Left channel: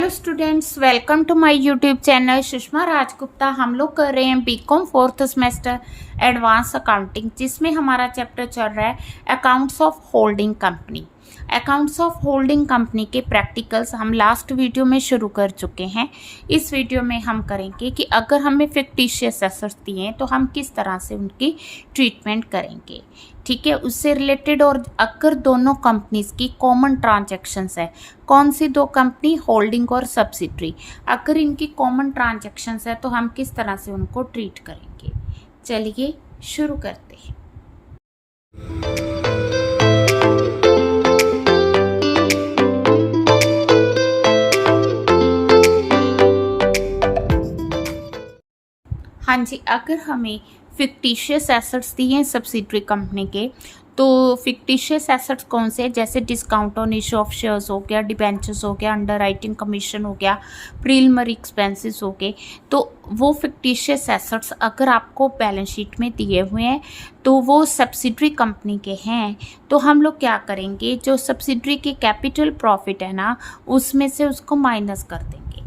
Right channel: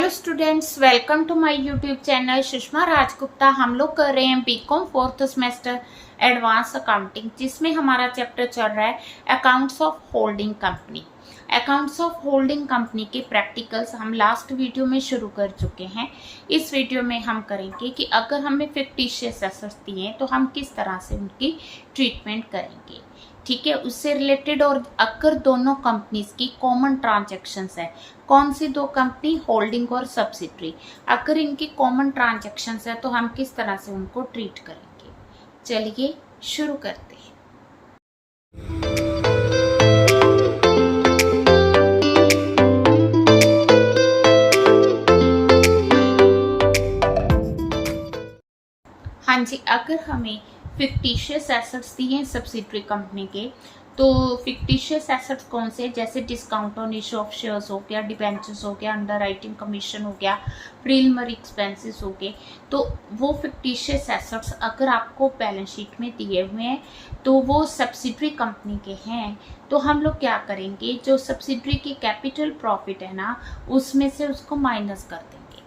Hello students, welcome to my YouTube channel Sushma Rajgupta. हम लोग कर रहे हैं BCom fourth semester advance accounting, जिसमें हमारा चैप्टर चल रहा है accounts of holding company. Accounts of holding company के प्रैक्टिकल्स हम लास्ट वीडियो में शुरू कर चुके हैं। इस वीडियो में हम करेंगे कि अगर हमें फिक्टिशियस एसेट्स दिए तो हम किस तरह से उनकी ट्रीटमेंट करेंगे, ठीक है। उससे रिलेटेड, और अगर दोनों कंपनीज की कॉमन ट्रांजैक्शंस है, कौन सी दो कंपनी, होल्डिंग और सब्सिडरी, अगर इनकी कॉमन ट्रांजैक्शंस है तो हम किस तरह से उनको ट्रीट करेंगे। चलिए शुरू करते हैं। हाँ जी, अगर हमें फिक्टिशियस एसेट्स दिए सब्सिडरी कंपनी के, तो फिक्टिशियस एसेट्स कौन से, जैसे discount on issue of shares हो गया, डिबेंचर्स हो गया, अंडर राइटिंग कमीशन हो गया, प्रीलिमिनरी एक्सपेंसेस हो गए। तो वो फिक्टिशियस एसेट्स अगर आपको बैलेंस शीट में दिए हुए हैं तो वो सब्सिडरी कंपनी के हैं। तो हम लोग क्या करेंगे, जो सब्सिडरी के कैपिटल प्रॉफिट है ना, उसमें से उसको माइनस कर देंगे।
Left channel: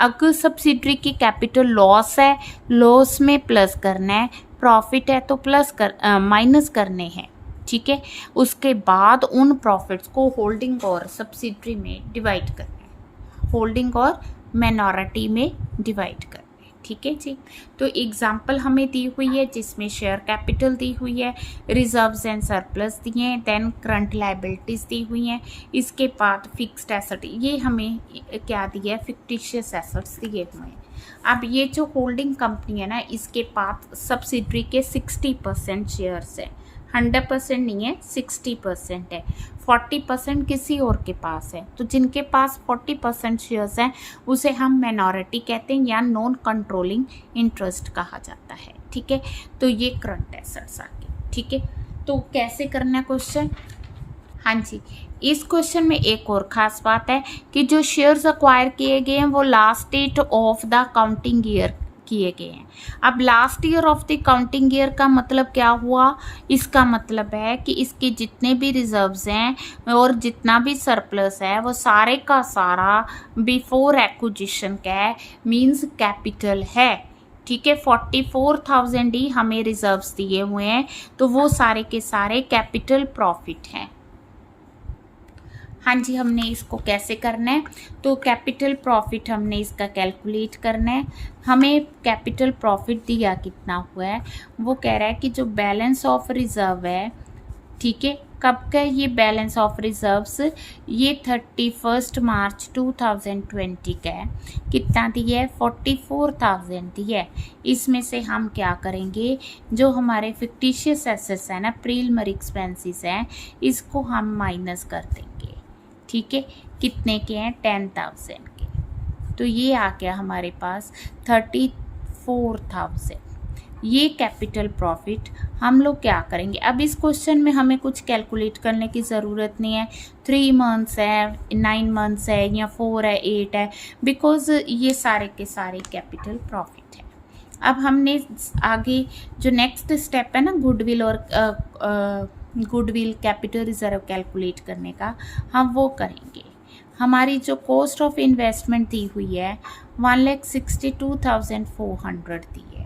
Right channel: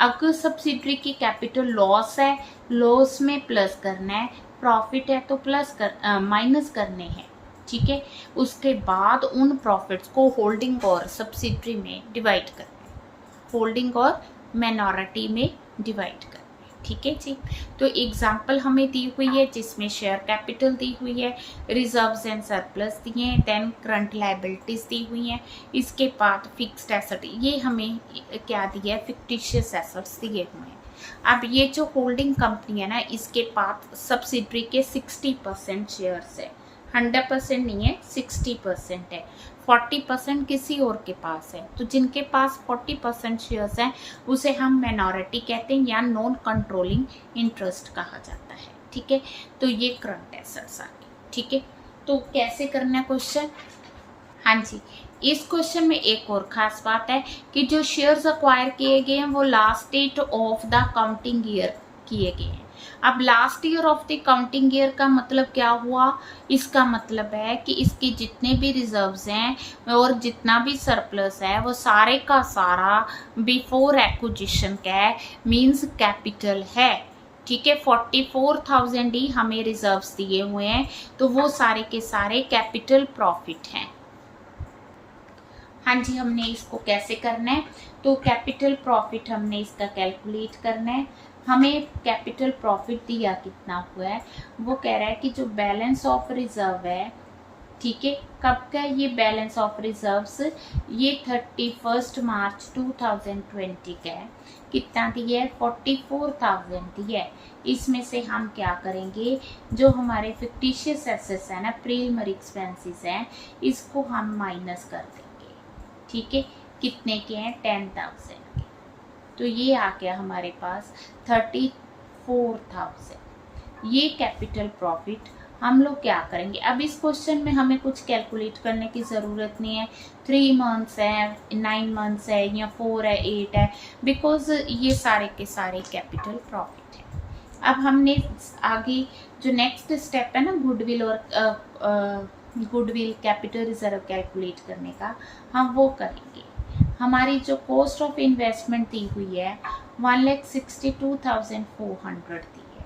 अगर सब्सिडरी की कैपिटल लॉस है, लॉस में प्लस करना है, प्रॉफिट है तो माइनस करने हैं, ठीक है। उसके बाद उन प्रॉफिट्स को होल्डिंग और सब्सिडरी में डिवाइड करना है, होल्डिंग और माइनॉरिटी में डिवाइड करना है, ठीक है जी। तो एग्जाम्पल हमें दी हुई है जिसमें शेयर कैपिटल दी हुई है, रिजर्व्स एंड सरप्लस दिए हैं, देन करंट लायबिलिटीज दी हुई हैं, इसके बाद फिक्स्ड एसेट, ये हमें क्या दिया है, फिक्टिशियस एसेट्स दिए हुए हैं। अब ये जो होल्डिंग कंपनी है ना, इसके पास सब्सिडरी के 60% शेयर्स है, 100% नहीं है, 60% है, 40% किसी और के पास है। तो जिनके पास 40% शेयर्स हैं उसे हम माइनॉरिटी कहते हैं या नॉन कंट्रोलिंग इंटरेस्ट कहा जाता है, ठीक है। तो ये करंट एसेट्स आ गए, ठीक है। तो कैसे करना है क्वेश्चन, हाँ जी। इस क्वेश्चन में एक और खास बात है कि जो शेयर्स अक्वायर किए गए हैं वो last date of the counting year किए गए हैं। अब last year of the counting year का मतलब क्या हुआ, इसका मतलब है कि इसके जितने भी रिजर्व्स हैं और जितना भी सरप्लस है वो सारे का सारा बिफोर एक्विजिशन का है, मींस कैपिटल है, ठीक है। 44,000 ही हमें रिजर्व्स दिए हुए हैं, तो वो सारे के सारे कैपिटल प्रॉफिट हैं। हाँ जी, हमने इसको कैसे करना है, तो कैपिटल प्रॉफिट हमने इसका कैलकुलेट करना है। हमें कैपिटल प्रॉफिट दिया कितना हुआ है, वो कह रहा है कि जो बैलेंस ऑफ रिजर्व है, ठीक है, कब का ये बैलेंस ऑफ रिजर्व्स, ये 31 मार्च 2020 का है। कितना दिया है, 44,000 दिया है। इसमें से हम क्या करेंगे, जो हमारे फिक्टिशियस एसेट्स है ना, प्रीलिमिनरी एक्सपेंसेस हैं, इसको हम माइनस कर देंगे, ठीक है। कितने के हैं, 10,000 के। तो ये आ गया हमारे पास 34,000। ये कैपिटल प्रॉफिट हम लोग क्या करेंगे। अब इस क्वेश्चन में हमें कुछ कैलकुलेट करने की ज़रूरत नहीं है, 3 मंथ्स है, 9 मंथ्स है, या 4 है, 8 है, बिकॉज ये सारे के सारे कैपिटल प्रॉफिट है। अब हमने आगे जो नेक्स्ट स्टेप है ना, गुडविल और गुडविल कैपिटल रिजर्व कैलकुलेट करने का, हम वो करेंगे। हमारी जो कॉस्ट ऑफ इन्वेस्टमेंट दी हुई है 1,62,400 दी है,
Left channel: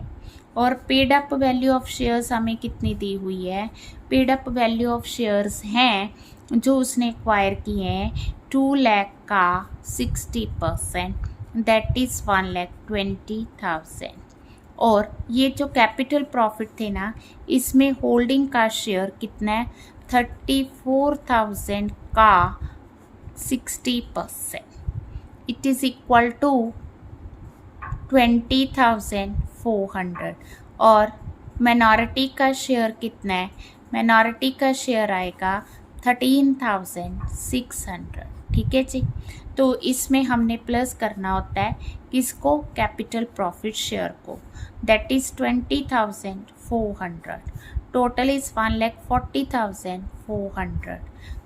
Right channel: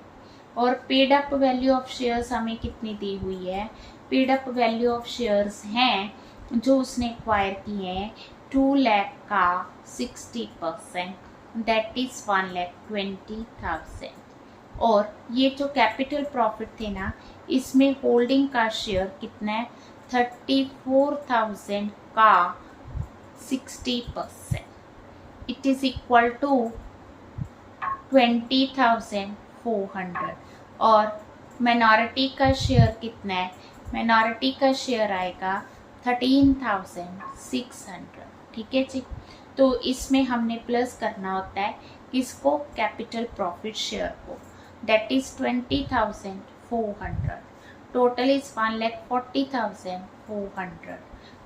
और paid up value of shares हमें कितनी दी हुई है, paid up value of shares हैं जो उसने एक्वायर किए हैं 2 लाख का 60%, दैट इज़ 1,20,000। और ये जो कैपिटल प्रॉफिट थे ना, इसमें होल्डिंग का शेयर कितना है, 34,000 का 60%, इट इज़ इक्वल टू 20,400। और माइनॉरिटी का शेयर कितना है, माइनॉरिटी का शेयर आएगा 13,600, ठीक है जी। तो इसमें हमने प्लस करना होता है किसको, कैपिटल प्रॉफिट शेयर को, दैट इज 20,400, टोटल इज 1,40,400।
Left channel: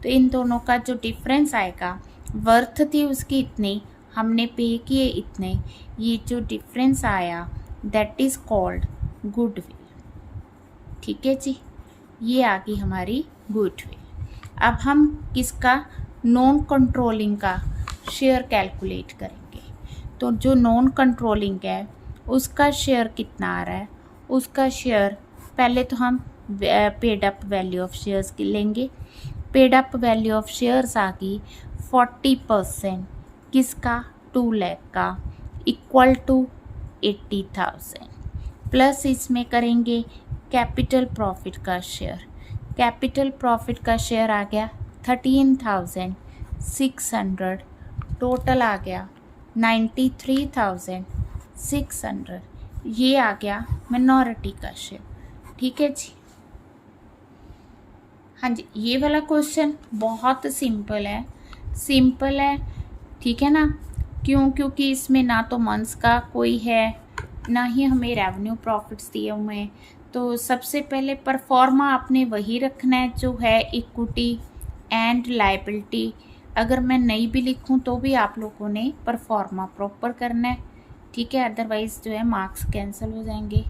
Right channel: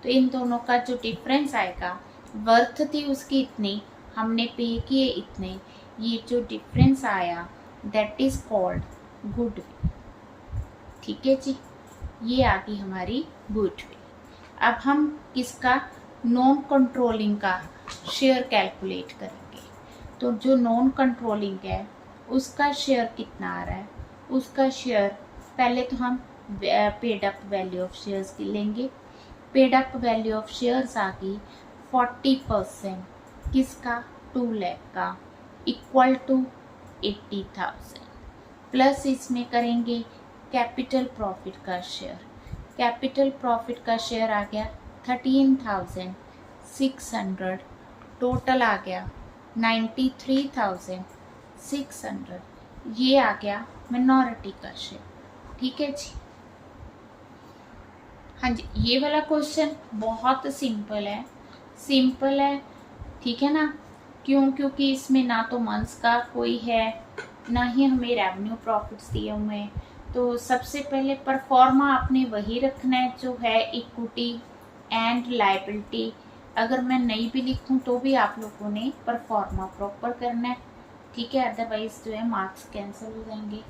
तो इन दोनों का जो डिफरेंस आएगा, वर्थ थी उसकी इतनी, हमने पे किए इतने, ये जो डिफरेंस आया दैट इज कॉल्ड गुडविल, ठीक है जी। ये आ गई हमारी गुडविल। अब हम किसका, नॉन कंट्रोलिंग का शेयर कैलकुलेट करेंगे। तो जो नॉन कंट्रोलिंग है उसका शेयर कितना आ रहा है, उसका शेयर पहले तो हम paid up value of shares की लेंगे। Paid up value of shares आ गई 40% किसका, 2 लाख का, इक्वल टू 80,000 प्लस इसमें करेंगे कैपिटल प्रॉफिट का शेयर। कैपिटल प्रॉफिट का शेयर आ गया 13,600, टोटल आ गया 93,600, ये आ गया मिनॉरिटी का शेयर। ठीक है जी। हाँ जी, ये वाला क्वेश्चन बहुत सिंपल है, सिंपल है, ठीक है ना। क्यों? क्योंकि इसमें ना तो मंथ्स का कोई है, ना ही हमें रेवेन्यू प्रॉफिट्स दिए हुए हैं। तो सबसे पहले परफॉर्मा आपने वही रखना है जो है इक्विटी एंड लायबिलिटी। अगर मैं नहीं भी लिखूं तो भी आप लोगों ने परफॉर्मा प्रॉपर करना है, ठीक है, अदरवाइज जो है मार्क्स कैंसिल हो जाएंगे।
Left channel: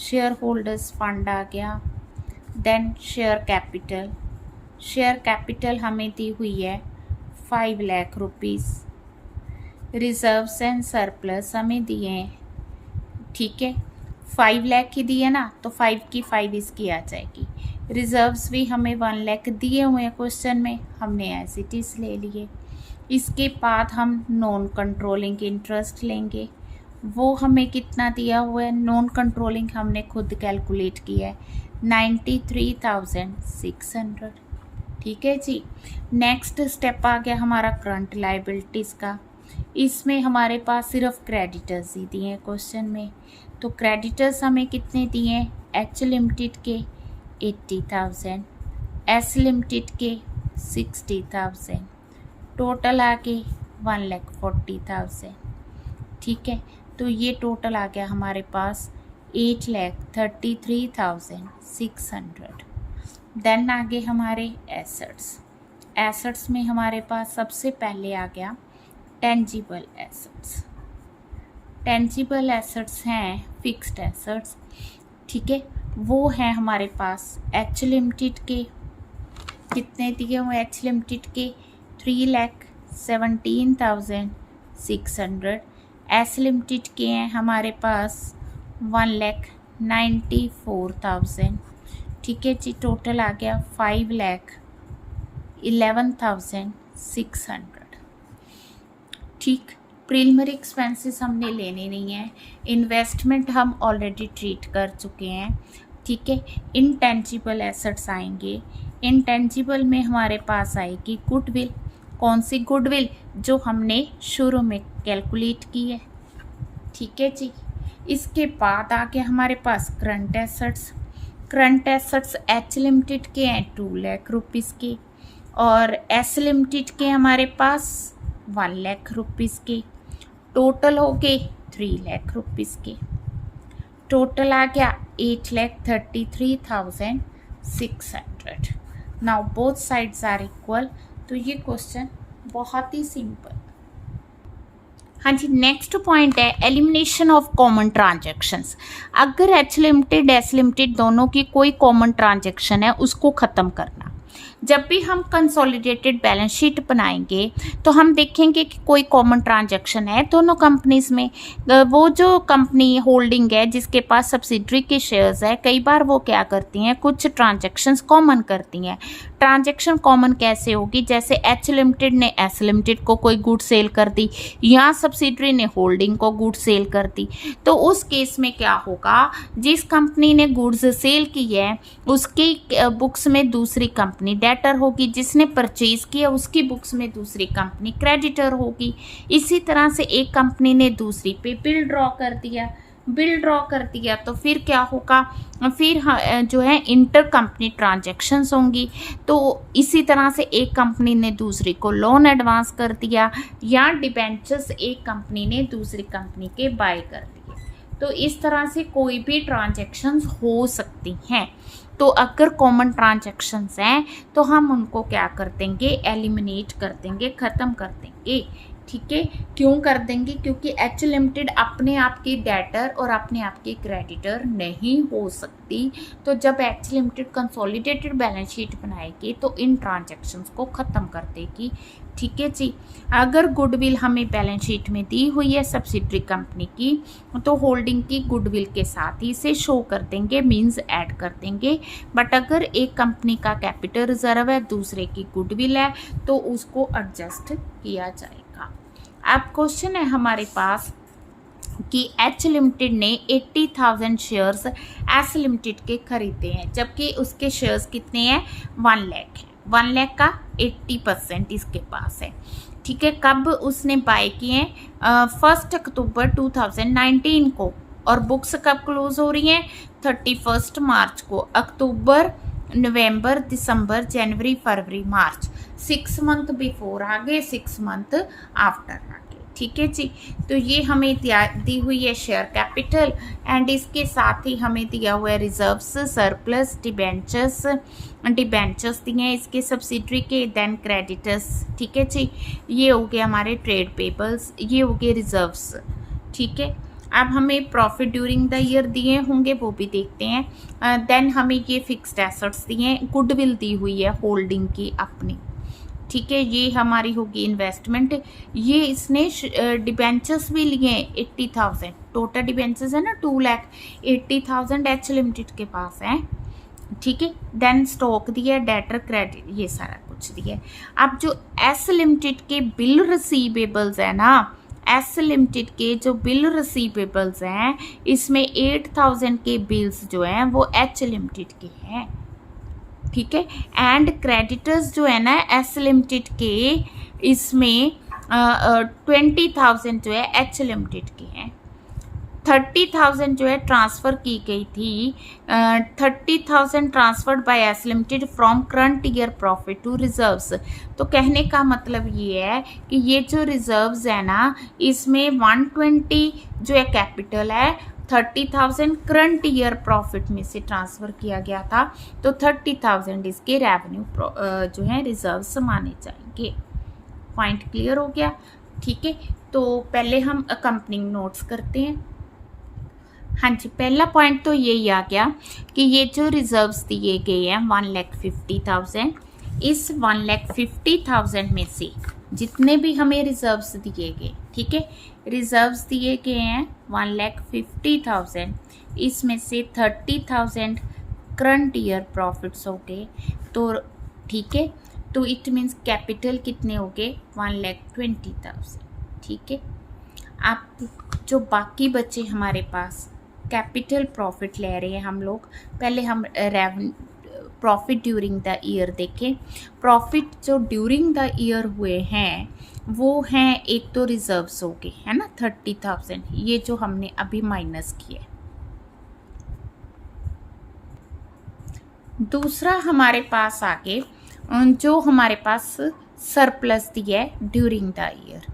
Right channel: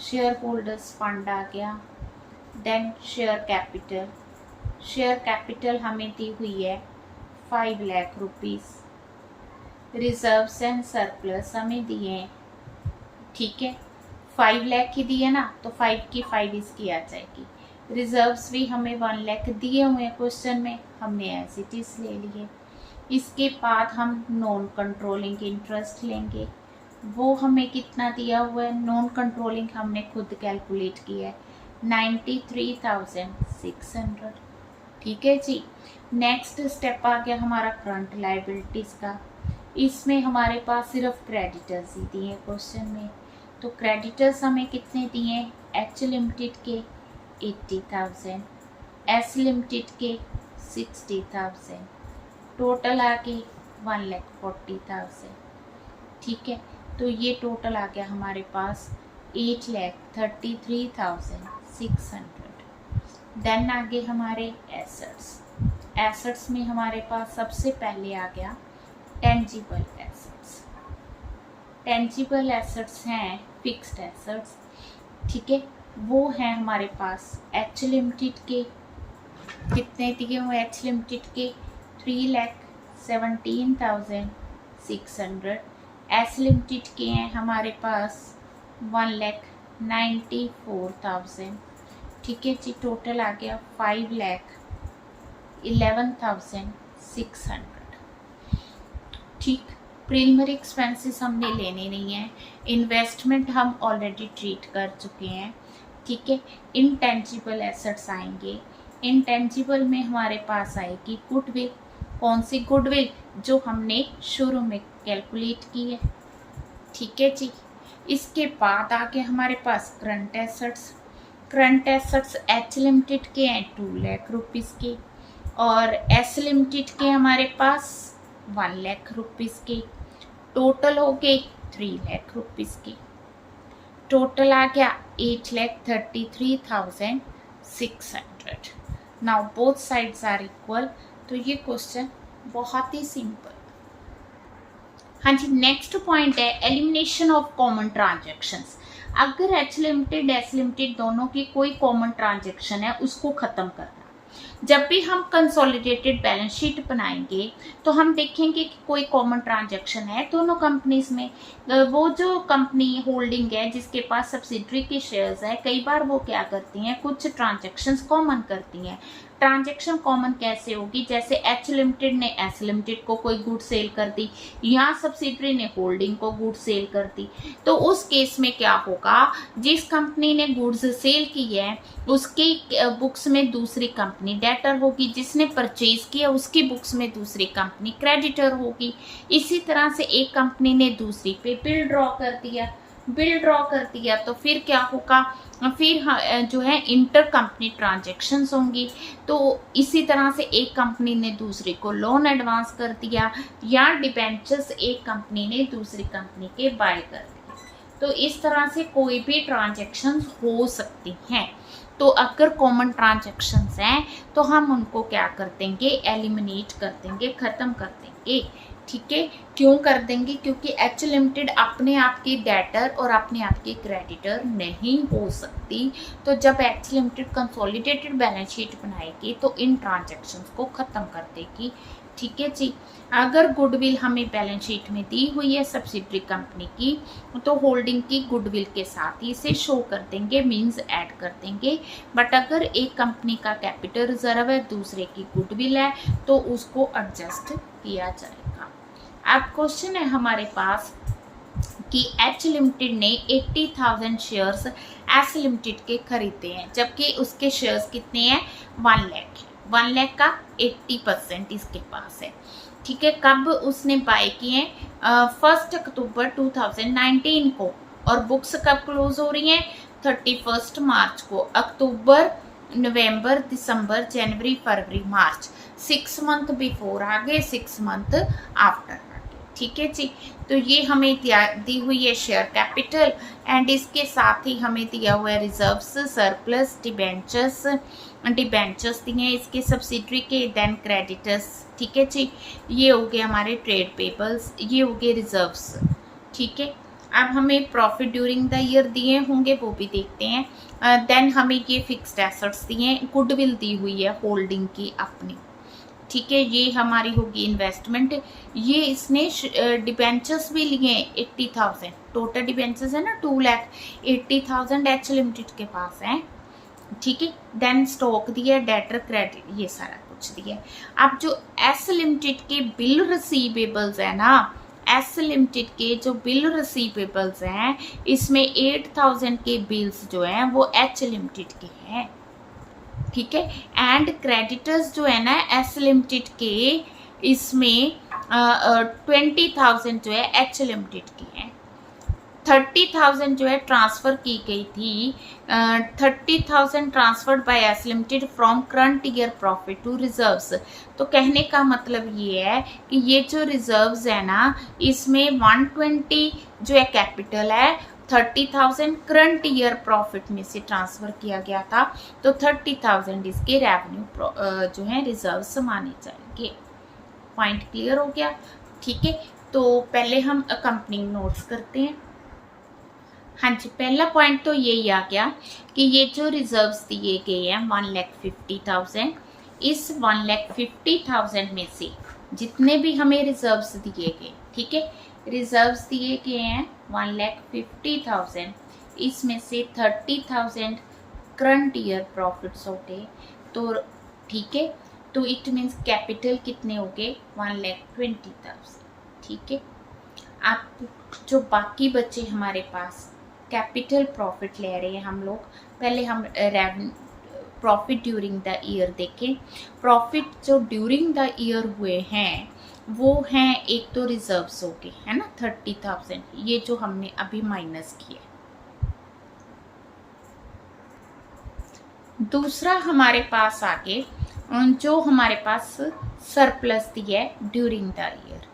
शेयर होल्डर्स फंड आ गया, then share capital. Share capital हमें दी हुई है 5 lakh rupees. Reserves and surplus हमें दिए हैं, ठीक है, 5 लाख ही दिए ना, तो 5 की 5 इसकी आ जाएगी। रिजर्व्स भी हमें 1 लाख दिए हुए हैं क्वेश्चन में, हमने एज इट इज ले लिए। इसके बाद हम नॉन कंट्रोलिंग इंटरेस्ट लेंगे, वो हमें कितना दिया हुआ है, नॉन कंट्रोलिंग हमने खुद कैलकुलेट किया है 93,600। ठीक है जी। नेक्स्ट स्टेप आ गया हमारा करंट लायबिलिटीज़ का। इसमें हमारे पास सिर्फ क्रेडिटर्स ही दिए हैं क्वेश्चन में। तो क्रेडिटर्स हमें कितने दिए हैं, एच लिमिटेड के 80,000, एस लिमिटेड के 60,000, टोटल आ गए 1,40,000। ठीक है, तो ये टोटल आ गया हमारे पास 8,33,600। देन आगे हमारे एसेट्स। एसेट्स में हमारे पास सबसे पहले आ गया टेंजिबल एसेट्स। टेंजिबल एसेट्स हैं फिक्स्ड एसेट्स, ठीक है, वो हैं हमारे पास एच लिमिटेड के कितने दिए हुए, एच लिमिटेड के 3,17,600। एस लिमिटेड के हैं हमारे पास 1,94,000। ठीक है जी, टोटल आ गया 5,11,600। ठीक, प्रीलिमिनरी एक्सपेंसेस हमने लेने नहीं है, इन्वेस्टमेंट हम ऑलरेडी ट्रीट कर चुके हैं। ठीक है, इनटेंजिबल एसेट्स आएंगे। इनटेंजिबल में हमारे पास आएगी गुडविल। कौन सी गुडविल, जो हमने शुरू में कैलकुलेट की है। ठीक है जी। इसके बाद आगे हमारे पास current assets. Current assets H limited के हैं 2 लाख रुपीज़ के, और एस लिमिटेड के हमारे पास 1 लाख रुपीज़ के, टोटल हो गए 3 लाख रुपीज़ के। टोटल आ गया 8,33,600। Now both sides are equal. तो ये क्वेश्चन बहुत ही सिंपल। हाँ जी, नेक्स्ट पॉइंट है एलिमिनेशन ऑफ कॉमन ट्रांजैक्शंस। अगर एच लिमिटेड एस लिमिटेड दोनों की कोई कॉमन ट्रांजैक्शन है उसको ख़त्म करना। जब भी हम कंसोलिडेटेड बैलेंस शीट बनाएंगे तो हम देखेंगे कि कोई कॉमन ट्रांजैक्शन है दोनों कंपनीज में। वो जो कंपनी होल्डिंग है जिसके पास सब्सिडरी के शेयर्स है, कई बार वो क्या करती हैं, कुछ ट्रांजैक्शंस कॉमन करती हैं। ट्रांजैक्शन कॉमन कैसे होगी, जैसे एच लिमिटेड ने एस लिमिटेड को कोई गुड सेल कर दी, या सब्सिडरी ने होल्डिंग को गुड सेल कर दी। तो उस केस में क्या होगा, जिस कंपनी ने गुड्स सेल की है उसकी बुक्स में दूसरी कंपनी डेटर होगी, जिसने परचेज किया उसकी बुक्स में दूसरी कंपनी क्रेडिटर होगी। इसी तरह से एक कंपनी ने दूसरी पे बिल ड्रॉ कर दिया तो फिर क्या होगा, फिर जो है इंटर कंपनी ट्रांजैक्शंस होंगी। तो इसी तरह से एक कंपनी ने दूसरी को लोन एडवांस कर दिया, या डिबेंचर्स एक कंपनी ने दूसरी कंपनी के बाय कर दिए। तो इस तरह से कोई भी ट्रांजैक्शंस हो सकती हैं। तो अगर कॉमन ट्रांजैक्शंस हैं तो हम उनको क्या कर देंगे, एलिमिनेट कर देंगे, ख़त्म कर देंगे। ठीक है, क्यों कर देंगे, क्योंकि एच लिमिटेड अपने आप की डेटर और अपने आप की क्रेडिटर नहीं हो सकती। तो जब H limited consolidated balance sheet बनाएगी तो इन ट्रांजैक्शंस को ख़त्म कर देगी। ठीक है जी। अगर गुडविल हमें बैलेंस शीट में दी हुई है सब्सिडरी कंपनी की, तो होल्डिंग की गुडविल के साथ ही इसे शो कर देंगे, मींस ऐड कर देंगे। बट अगर एक कंपनी का कैपिटल रिजर्व है, दूसरे की गुडविल है, तो उसको एडजस्ट किया जाएगा। अब क्वेश्चन है हमारे पास कि एच लिमिटेड ने 80,000 शेयर्स एस लिमिटेड के खरीदे हैं, जबकि उसके शेयर्स कितने हैं, 1 लाख है। 1 लाख का 80% इसके पास है, ठीक है। कब उसने बाय किए हैं, 1 अक्टूबर 2019 को, और बुक्स कब क्लोज हो रही हैं, 31 मार्च को। अक्टूबर, नवंबर, दिसंबर, जनवरी, फरवरी, मार्च, 6 मंथ बिफोर आगे, 6 मंथ आफ्टर आगे, ठीक है जी। तो ये हमें दी हुई है शेयर कैपिटल, एंड इसके साथ ही हमें दिया हुआ है रिजर्व्स, सरप्लस, डिबेंचर्स दिए हैं इसके सब्सिडरी के, देन क्रेडिटर्स, ठीक है जी। ये हो गए हमारे ट्रेड पेबल्स, ये हो गए रिजर्व्स, ठीक है। अब हमें प्रॉफिट ड्यूरिंग द ईयर दिए होंगे, वो भी देखते हैं। देन हमें ये फिक्स्ड एसेट्स दिए हैं, गुडविल दी हुई है होल्डिंग की अपनी, ठीक है। ये हमारी होगी इन्वेस्टमेंट। ये इसने डिबेंचर्स भी लिए हैं 80,000, टोटल डिबेंचर्स है ना 2 लाख, 80,000 एच लिमिटेड के पास है, ठीक है। देन स्टॉक दिया, डेटर, क्रेडिट, ये सारा कुछ दिया है। अब जो एस लिमिटेड के बिल रिसीवेबल्स है ना, एस लिमिटेड के जो बिल रिसीवेबल्स हैं, इसमें 8,000 के बिल्स जो हैं वो एच लिमिटेड के हैं, ठीक है। एंड क्रेडिटर्स जो है ना एस लिमिटेड के, इसमें 20,000 जो है एच लिमिटेड के हैं। 30,000 जो है ट्रांसफ़र की गई थी, 30,000 transferred by S limited from current year profit to reserves. तो कहने का मतलब ये है कि ये जो रिजर्व्स है ना, इसमें 120 जो है कैपिटल है, 30,000 करंट ईयर प्रॉफिट में से ट्रांसफ़र किया गया था, तो 30,000 इसके रेवेन्यू जो है रिजर्व्स माने जाएंगे। पॉइंट क्लियर हो गया, ठीक है। तो पहले हम अकम्पनिंग नोट्स करते हैं। हाँ जी, पहला पॉइंट तो यही आ गया कि ये जो रिजर्व्स दिए गए हैं 1,50,000, इस 1,50,000 में से जितने भी हमें रिजर्व्स दिए गए, ठीक है, रिजर्व्स दिए गए हैं 1,50,000, इसमें से 30,000 करंट ईयर प्रॉफिट्स हो गए, तो ठीक है। तो इट मीन्स कैपिटल कितने हो गए, 1,20,000, ठीक है। आप जो बाकी बचे हमारे पास कैपिटल प्रॉफिट ले रहे हैं हम लोग, पहले हम प्रॉफिट ड्यूरिंग द ईयर देखें। प्रॉफिट जो ड्यूरिंग द ईयर हुए हैं वो हैं, एक तो रिजर्व्स हो गए है ना 30,000, ये जो हमने अभी माइनस किए। दूसरा हमारे पास आगे जो हमारे पास सरप्लस दिया है ड्यूरिंग द ईयर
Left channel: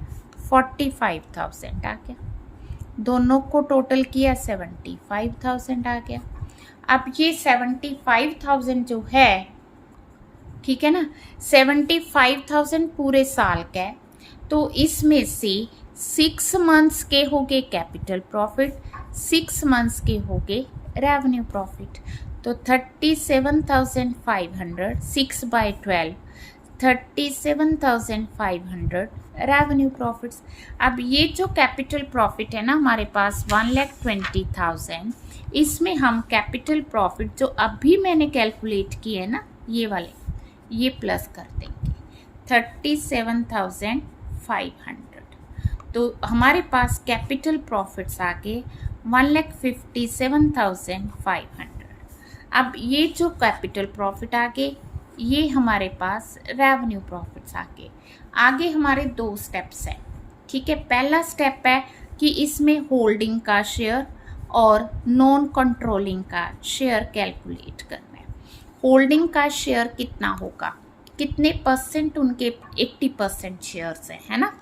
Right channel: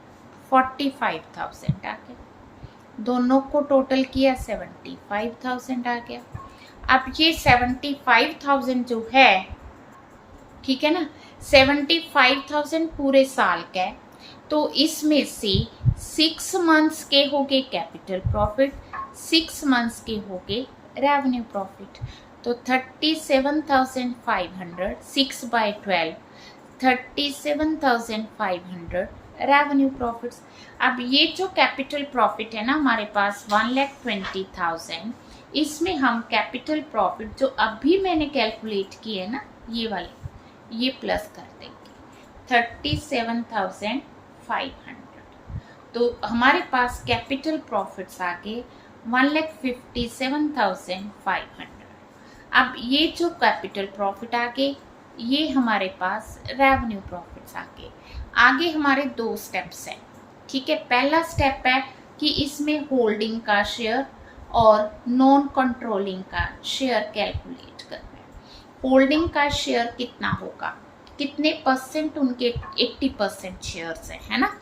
45,000 आ गया, दोनों को टोटल किया 75,000 आ गया। अब ये 75,000 जो है, ठीक है ना, 75,000 पूरे साल का है, तो इसमें से 6 मंथ्स के हो गए कैपिटल प्रॉफिट, 6 मंथ्स के हो गए रेवेन्यू प्रॉफिट, तो 37,500, 6/12, 37,500 रेवेन्यू प्रॉफिट्स। अब ये जो कैपिटल प्रॉफिट है ना हमारे पास 1,20,000, इसमें हम कैपिटल प्रॉफिट जो अभी मैंने कैलकुलेट किए है ना, ये वाले, ये प्लस कर देंगे 37,500, तो हमारे पास कैपिटल प्रॉफिट्स आ गए 1,57,500। अब ये जो कैपिटल प्रॉफिट आ गए, ये हमारे पास रेवेन्यू प्रॉफिट्स आ गए। आगे हमारे 2 स्टेप्स हैं, ठीक है। पहला स्टेप है कि इसमें होल्डिंग का शेयर और नॉन कंट्रोलिंग का शेयर कैलकुलेट करना है। होल्डिंग का शेयर कितना होगा, कितने परसेंट उनके 80% शेयर्स हैं, है ना,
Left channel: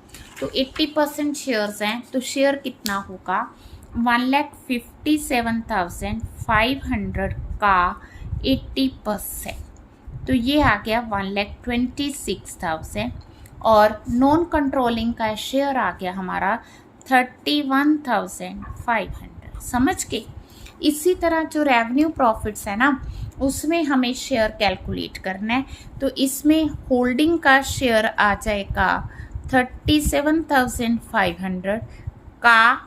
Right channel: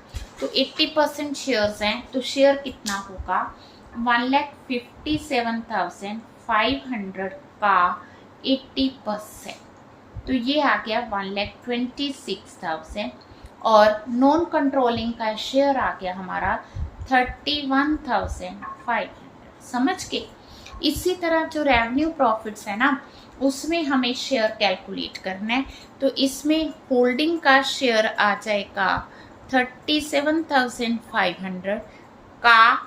तो 80% शेयर्स हैं, तो शेयर कितना होगा 1,57,500 का 80%, तो ये आ गया 1,26,000, और नॉन कंट्रोलिंग का शेयर आ गया हमारा 31,500। समझ के इसी तरह जो रेवेन्यू प्रॉफिट्स है ना, उसमें हमें शेयर कैलकुलेट करना है। तो इसमें होल्डिंग का शेयर आ जाएगा 37,500 का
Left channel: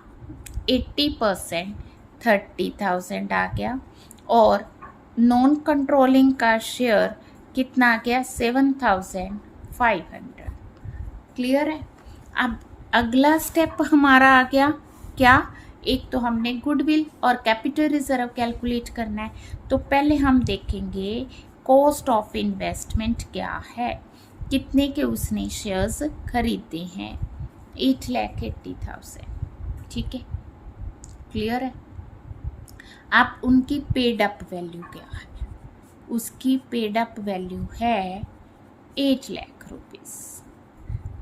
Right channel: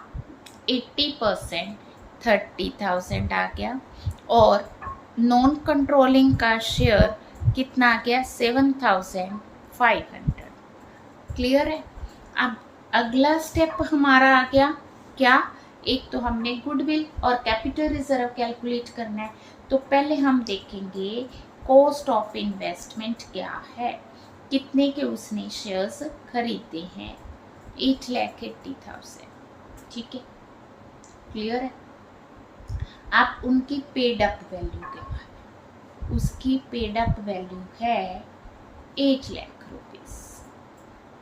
80% 30,000 आ गया, और नॉन कंट्रोलिंग का शेयर कितना आ गया 7,500। क्लियर है। अब अगला स्टेप हमारा आ गया क्या, एक तो हमने गुडविल और कैपिटल रिजर्व कैलकुलेट करना है। तो पहले हम देखेंगे कॉस्ट ऑफ इन्वेस्टमेंट क्या है, कितने के उसने शेयर्स खरीदे हैं, 8,80,000। ठीक है, क्लियर है। अब उनकी पेड अप वैल्यू क्या है, उसकी पेड अप वैल्यू है 8 लाख रुपीस।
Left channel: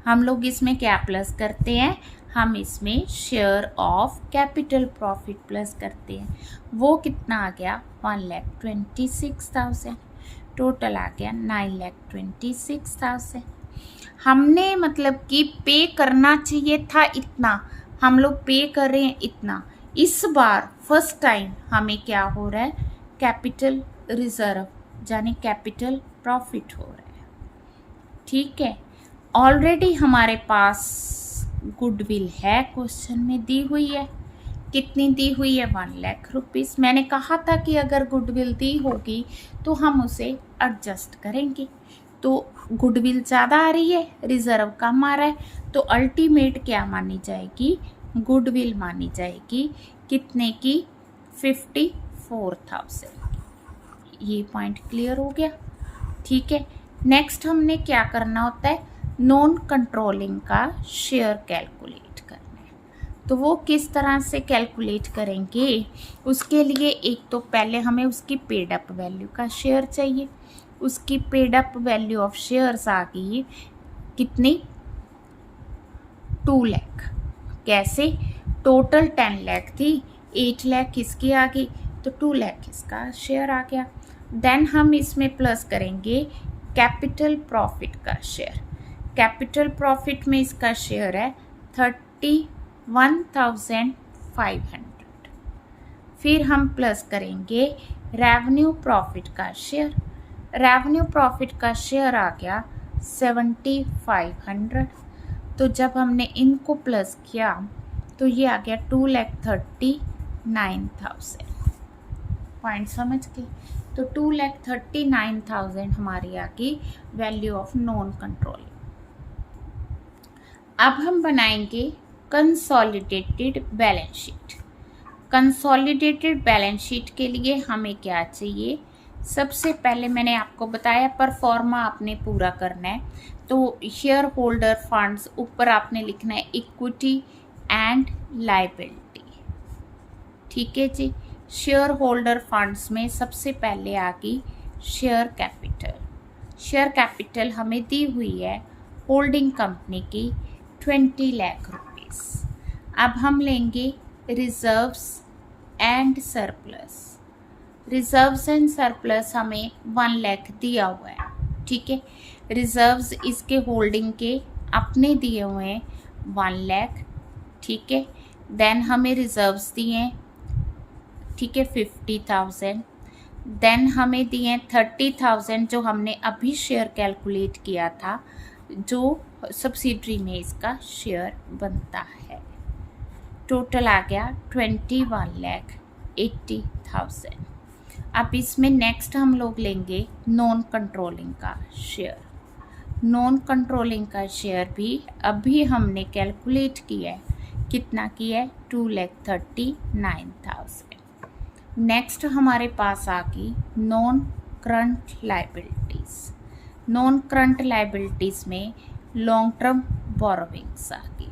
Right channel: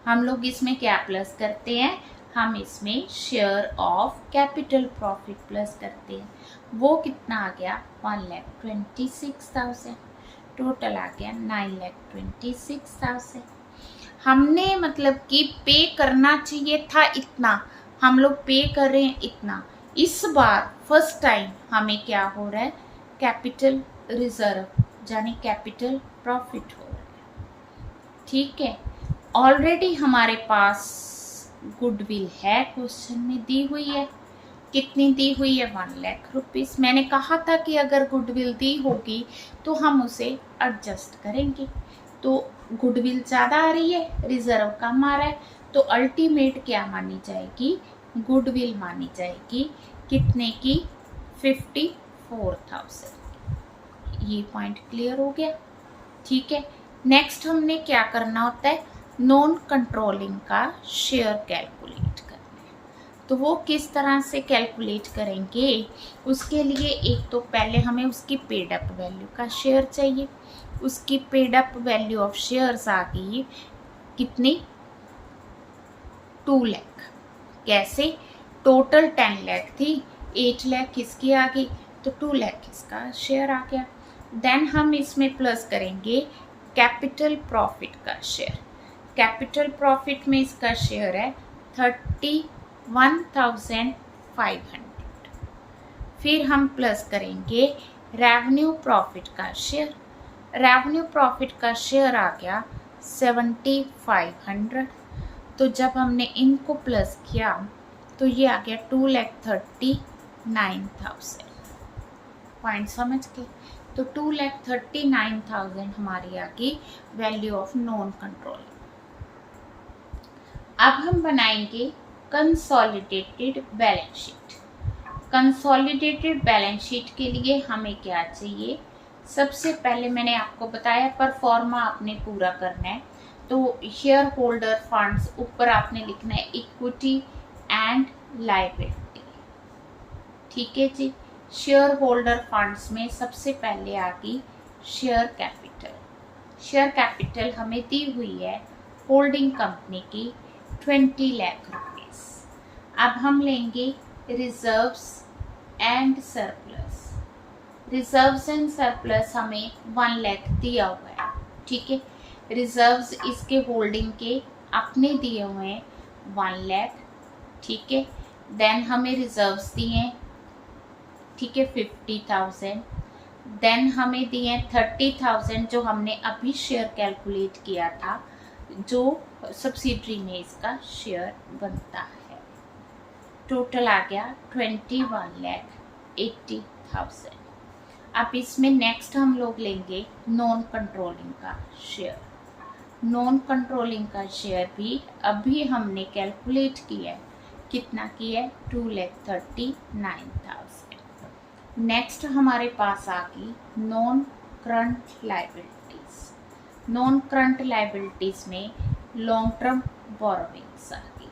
हम लोग इसमें क्या प्लस करते हैं, हम इसमें share of capital profit plus करते हैं। वो कितना आ गया 1,26,000। टोटल आ गया 9,26,000। हमने मतलब कि पे करना चाहिए था इतना, हम लोग पे कर रहे हैं इतना। इस बार फर्स्ट टाइम हमें क्या हो रहा है, कैपिटल रिजर्व यानी कैपिटल प्रॉफिट हो रहा है। ठीक है, ऑलरेडी हमारे पास गुडविल है, क्वेश्चन में दी हुई है। कितनी दी हुई है 1 लाख रुपीस। मैंने कहा था कि अगर गुडविल दी होगी तो हम उसे एडजस्ट करेंगे। तो गुडविल ज़्यादा आ रही है, रिजर्व कम आ रहा है, तो अल्टीमेट क्या मानी जाएगी, गुडविल मानी जाएगी। कितने की 54,000। ये पॉइंट क्लियर हो गया। ठीक है, नेक्स्ट हमने क्या करना होता है, नॉन कंट्रोलिंग का शेयर कैलकुलेट करना है। तो वो किस तरह से कैलकुलेट करेंगे, उसके लिए एक तो पहले हमें उसकी पेड अप वैल्यू का शेयर चाहिए। उसकी paid up value of shares आ गई कितनी 2 लाख। कैसे, टोटल 10 लाख थी, 8 लाख इसकी आ गई, तो 2 लाख इसका शेयर आ गया। देन हम इसमें प्लस करेंगे कैपिटल प्रॉफिट का शेयर। कैपिटल प्रॉफिट में इसका शेयर है 31,500। फिर हम प्लस करेंगे रेवेन्यू प्रॉफिट का शेयर। रेवेन्यू प्रॉफिट का शेयर आ गया 7,500। तो जब हमने इनको प्लस किया तो ये आ गया 2,39,000। पॉइंट समझ के, तो 2,39,000 हमारी आ गई वैल्यू ऑफ नॉन कंट्रोलिंग। अब हम बनाएंगे consolidated balance sheet. Consolidated balance sheet के लिए हमें क्या चाहिए, सबसे पहले मैंने आपको बताया परफॉर्मा आपने पूरा करना है। तो शेयर होल्डर फंड्स ऊपर आपने लिखना है इक्विटी एंड लायबिलिटी। ठीक है जी, शेयर होल्डर फंड्स में सबसे पहले आ गई शेयर कैपिटल। शेयर कैपिटल हमें दी हुई है होल्डिंग कंपनी की 20 लाख रुपीस। अब हम लेंगे reserves and surplus. Reserves and surplus हमें 1 लाख दिया हुआ है। ठीक है, रिजर्व्स इसके होल्डिंग के अपने दिए हुए हैं 1 लाख। ठीक है, देन हमें रिजर्व्स दिए हैं, ठीक है 50,000। देन हमें दिए 30,000 जो हमने अभी शेयर कैलकुलेट किया था, जो सब्सिडरी में इसका शेयर बनता है। टोटल आ गया 21,80,000। अब इसमें नेक्स्ट हम लोग लेंगे नॉन कंट्रोलिंग का शेयर। नॉन कंट्रोलिंग का शेयर भी अभी हमने कैलकुलेट किया है, कितना किया है 2,39,000। नेक्स्ट हमारे पास आ गई non current liabilities. Non current liabilities में लॉन्ग टर्म बोरोविंग्स आ गई।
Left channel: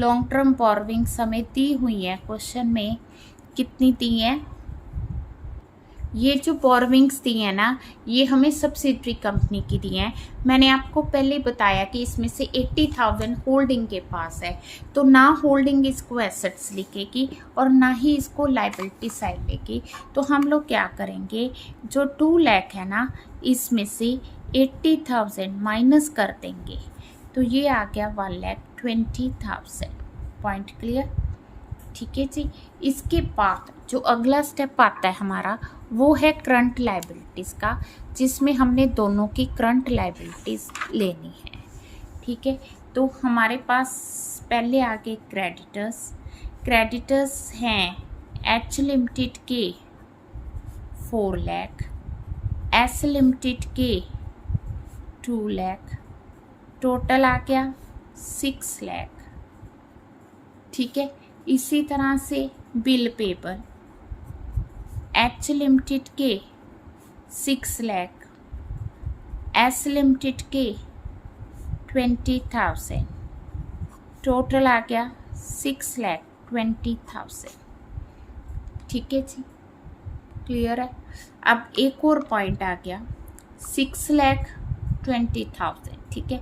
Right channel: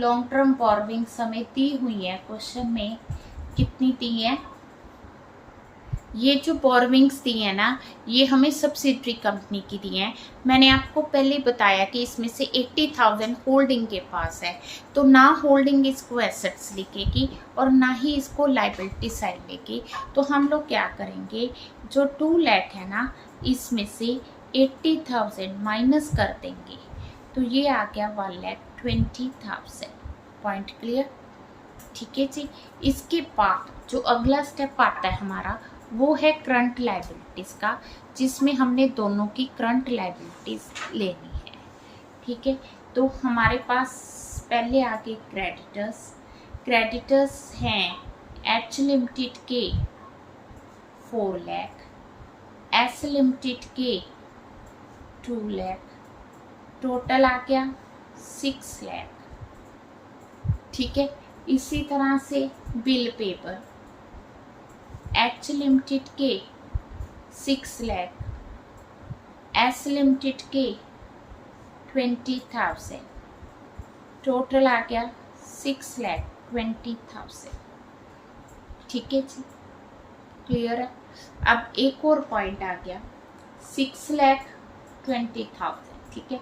लॉन्ग टर्म बोरोविंग्स हमें दी हुई है, क्वेश्चन में कितनी दी है, ये जो बोरोविंग्स दी है ना, ये हमें सब्सिडरी कंपनी की दी हैं। मैंने आपको पहले बताया कि इसमें से 80,000 होल्डिंग के पास है, तो ना होल्डिंग इसको एसेट्स लिखेगी और ना ही इसको लायबिलिटी साइड लेगी। तो हम लोग क्या करेंगे, जो 2 लाख है ना, इसमें से 80,000 माइनस कर देंगे, तो ये आ गया 1,20,000। Point clear. ठीक है जी। इसके बाद जो अगला स्टेप आता है हमारा वो है करंट लायबिलिटीज़ का, जिसमें हमने दोनों की करंट लायबिलिटीज़ लेनी है। ठीक है, तो हमारे पास पहले आगे क्रेडिटर्स हैं एच लिमिटेड के 4 लाख, एस लिमिटेड के 2 लाख, टोटल आ गया 6 लाख। ठीक है, इसी तरह से बिल पेबल एच लिमिटेड के 6 लाख, एस लिमिटेड के 20,000, टोटल आ गया 6,20,000। ठीक है जी, क्लियर है। अब एक और पॉइंट आ गया 6,20,000। ठीक है,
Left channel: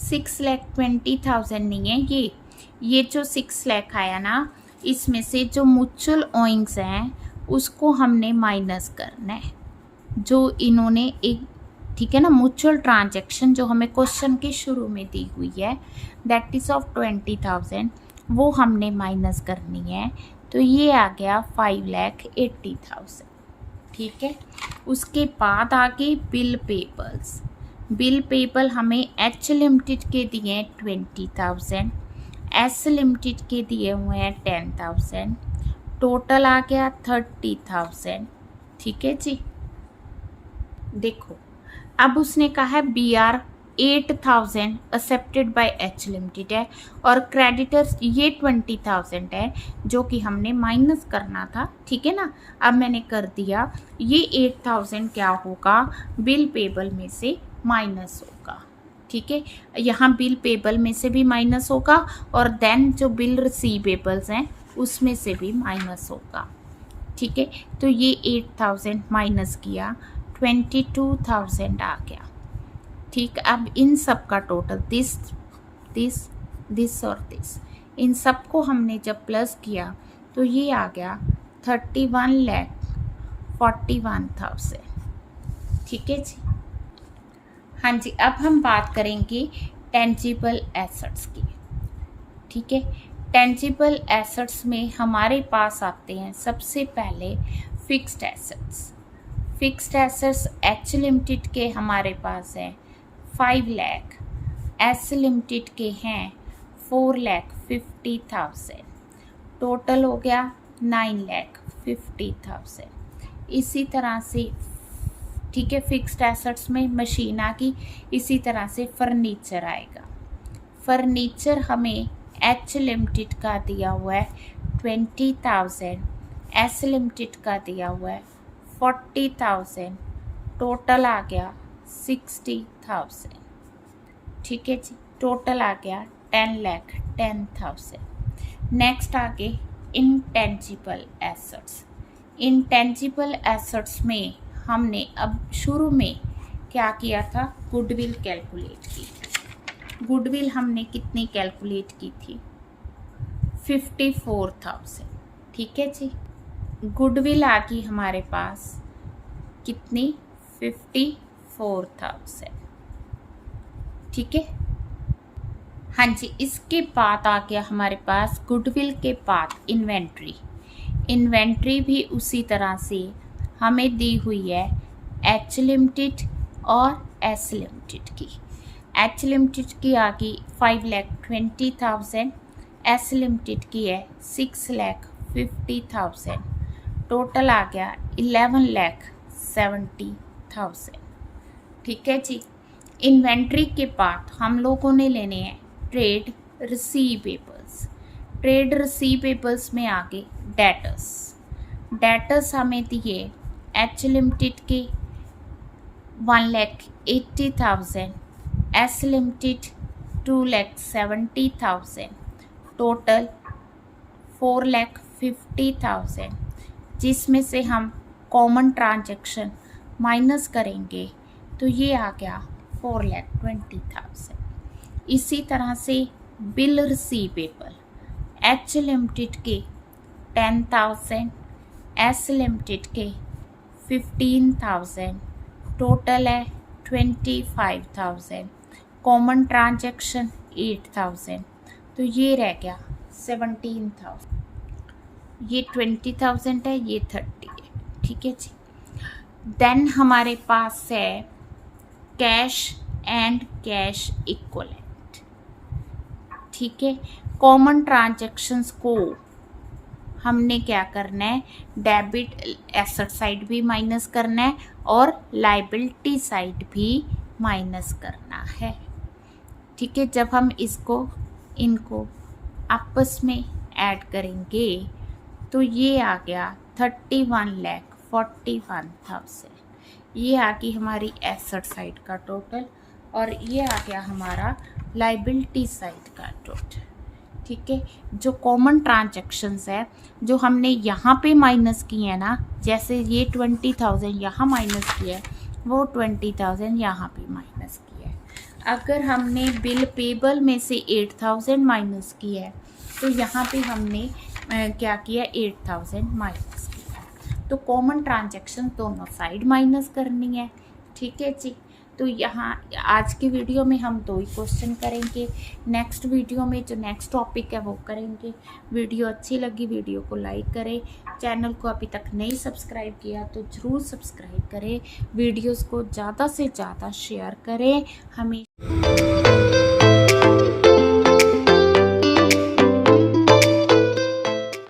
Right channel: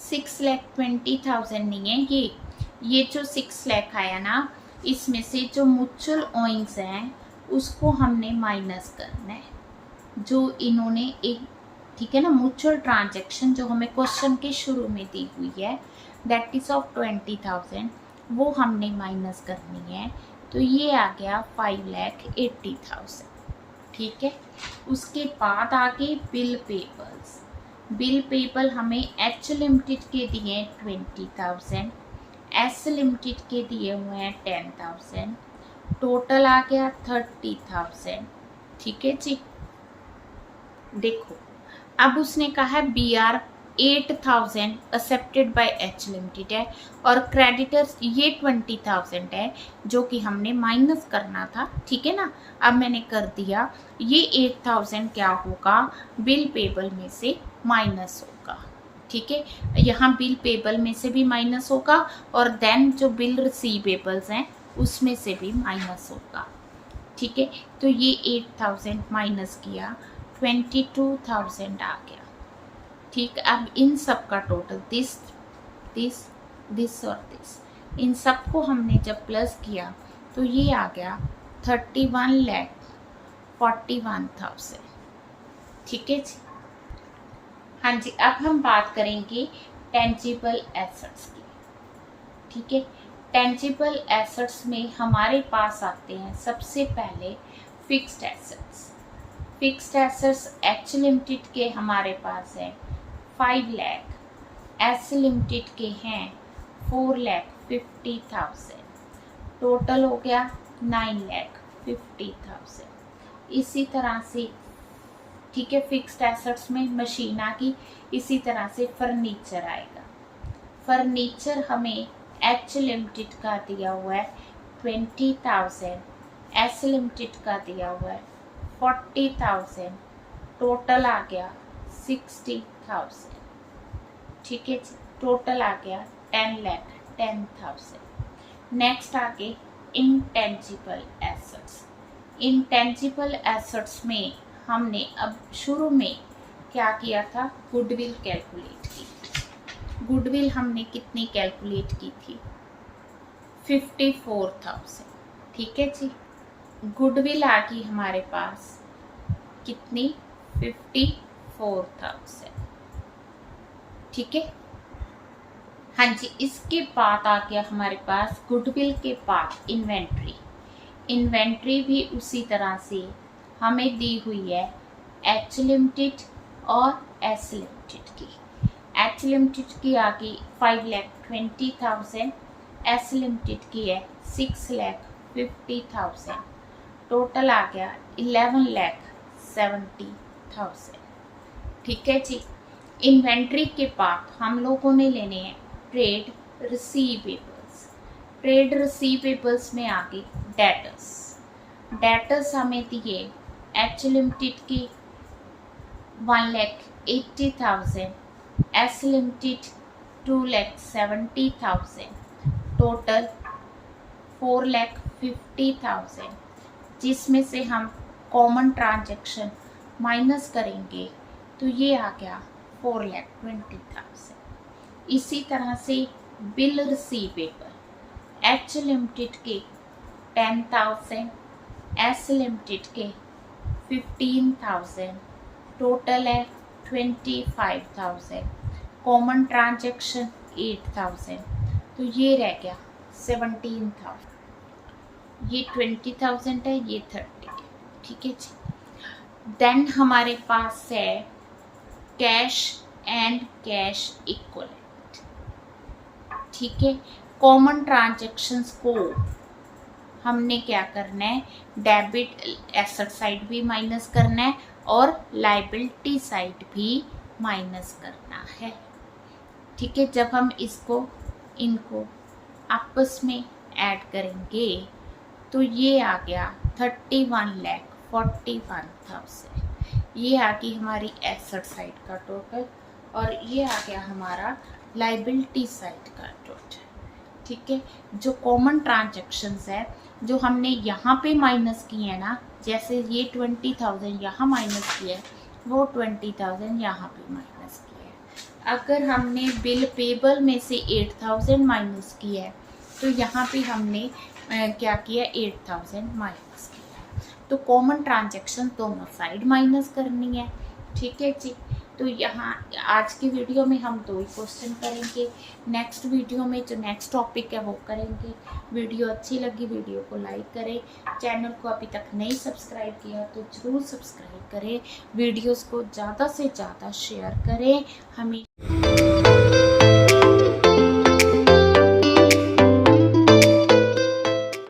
6,20,000 नहीं है ये जो 6 लाख आया ना, इसमें से जो म्यूचुअल ओइंग्स हैं उसको हमने माइनस करना है, जो इन्होंने एक, ठीक है ना, म्यूचुअल ट्रांजैक्शन जो हमें क्वेश्चन के शुरू में दी हुई है दैट इज ऑफ 20,000, वो हमने माइनस करनी है। तो ये आ गया 5,80,000। ठीक है, उसके बाद आगे बिल पेबल हमें एच लिमिटेड के दिए 20,000, एस लिमिटेड के दिए हुए हैं 10,000, टोटल आ गया 30,000। ठीक है जी, देखो अब उसने कहा है BR 8,000 accepted by H limited है और क्रेडिटर्स ये 20,000 है जो कि हमने माइनस करना था। ठीक है ना, अब मैंने कर दिया। ये 8,000 क्या होगा, बिल पेबल में से माइनस होगा। ठीक है, यहाँ बिल पेबल में से भी माइनस होगा और देन जो बिल रिसीवेबल्स हैं उसमें से भी माइनस होगा। ठीक है, तो ये 8,000 माइनस किया 22,000 आ गया। ठीक, अब इन सब का टोटल दिस और दिस, इन सब को हमने जब प्लस किया तो ये आ गया 31,41,000। ठीक है जी, हाँ जी। अब हम बात करेंगे टेंजिबल एसेट्स की। ठीक है, टेंजिबल एसेट्स में हमारे पास आते हैं सबसे पहले फिक्स्ड एसेट्स एच लिमिटेड के हमारे पास हैं 5 लाख, एस लिमिटेड के हैं 4,50,000, टोटल हो गया 9,50,000। इसी तरह से, ठीक है, फिक्स्ड एसेट्स में मशीन आ गई। इसी तरह से फर्नीचर आएगा। फर्नीचर हमें एच लिमिटेड का दिया हुआ है 20,000, एस लिमिटेड का दिया हुआ है 40,000, टोटल आ गया 60,000। ठीक है जी, टोटल आ गया 10,10,000। नेक्स्ट आगे इंटेंजिबल एसेट्स में हमने अब शुरू में क्या किया था, गुडविल कैलकुलेट की। गुडविल हमने कितनी कैलकुलेट की थी, 54,000। ठीक है जी, गुडविल आ गई हमारे पास कितनी, 54,000। ठीक है, हाँ जी। इसके बाद आ गया हमारे पास गुडविल के बाद इन्वेंट्री भी उसी तरह से हमें दी हुई है एच लिमिटेड और एस लिमिटेड की। एच लिमिटेड की आ गई 5,20,000, एस लिमिटेड की है 6,50,000, टोटल आ गया 11,70,000। ठीक है जी, इन्वेंट्री के बाद हम लोगों ने लेने हैं ट्रेड रिसीवेबल्स में आगे डेटर्स हमें दिए एच लिमिटेड की 1,80,000, एस लिमिटेड 2,70,000, टोटल 4,50,000, जिसमें से हम कॉमन ट्रांजैक्शन माइनस करेंगे तो ये आ गया 4,20,000। इसी तरह से बिल रिसीवेबल एच लिमिटेड के 10,000, एस लिमिटेड के 15,000, टोटल है 25,000, कॉमन ट्रांजैक्शन 8,000, तो तो ये रह गया 17,000, ये 20,000 है, ये 30 है, ठीक है जी। देन हमारे पास है कैश एंड कैश इक्वलेंट, ठीक है। कॉमन ट्रांजैक्शंस को हमने क्या करना है, डेबिट एसेट साइड भी माइनस करना है और लाइबिलिटी साइड भी माइनस करना है, ठीक है। जब हम इनको आपस में ऐड करेंगे तो ये आ गया 31,41,000, ये आ गई हमारी एसेट साइड का टोटल और ये आ गया हमारा लाइबिलिटी साइड का टोटल, ठीक है। जो कॉमन ट्रांजैक्शंस है जो हमने यहाँ पे माइनस किए हैं ना, जैसे ये 20,000 यहाँ माइनस किया है, वो 20,000 यहाँ पे माइनस किया है। अगर हमने बिल पेबल में से 8,000 माइनस किया है तो यहाँ पे हमने क्या किया, 8,000 माइनस किया। तो कॉमन ट्रांजैक्शन दोनों साइड माइनस करनी है, ठीक है जी। तो यहाँ आज की वीडियो में हम 2 ही क्वेश्चन करेंगे, नेक्स्ट वीडियो में जो नेक्स्ट टॉपिक है वो करेंगे। वीडियो अच्छी लगी वीडियो को लाइक करें, चैनल को अभी तक नहीं सब्सक्राइब किया तो ज़रूर सब्सक्राइब करें, वीडियोस को ज़्यादा से ज़्यादा शेयर करें। हमें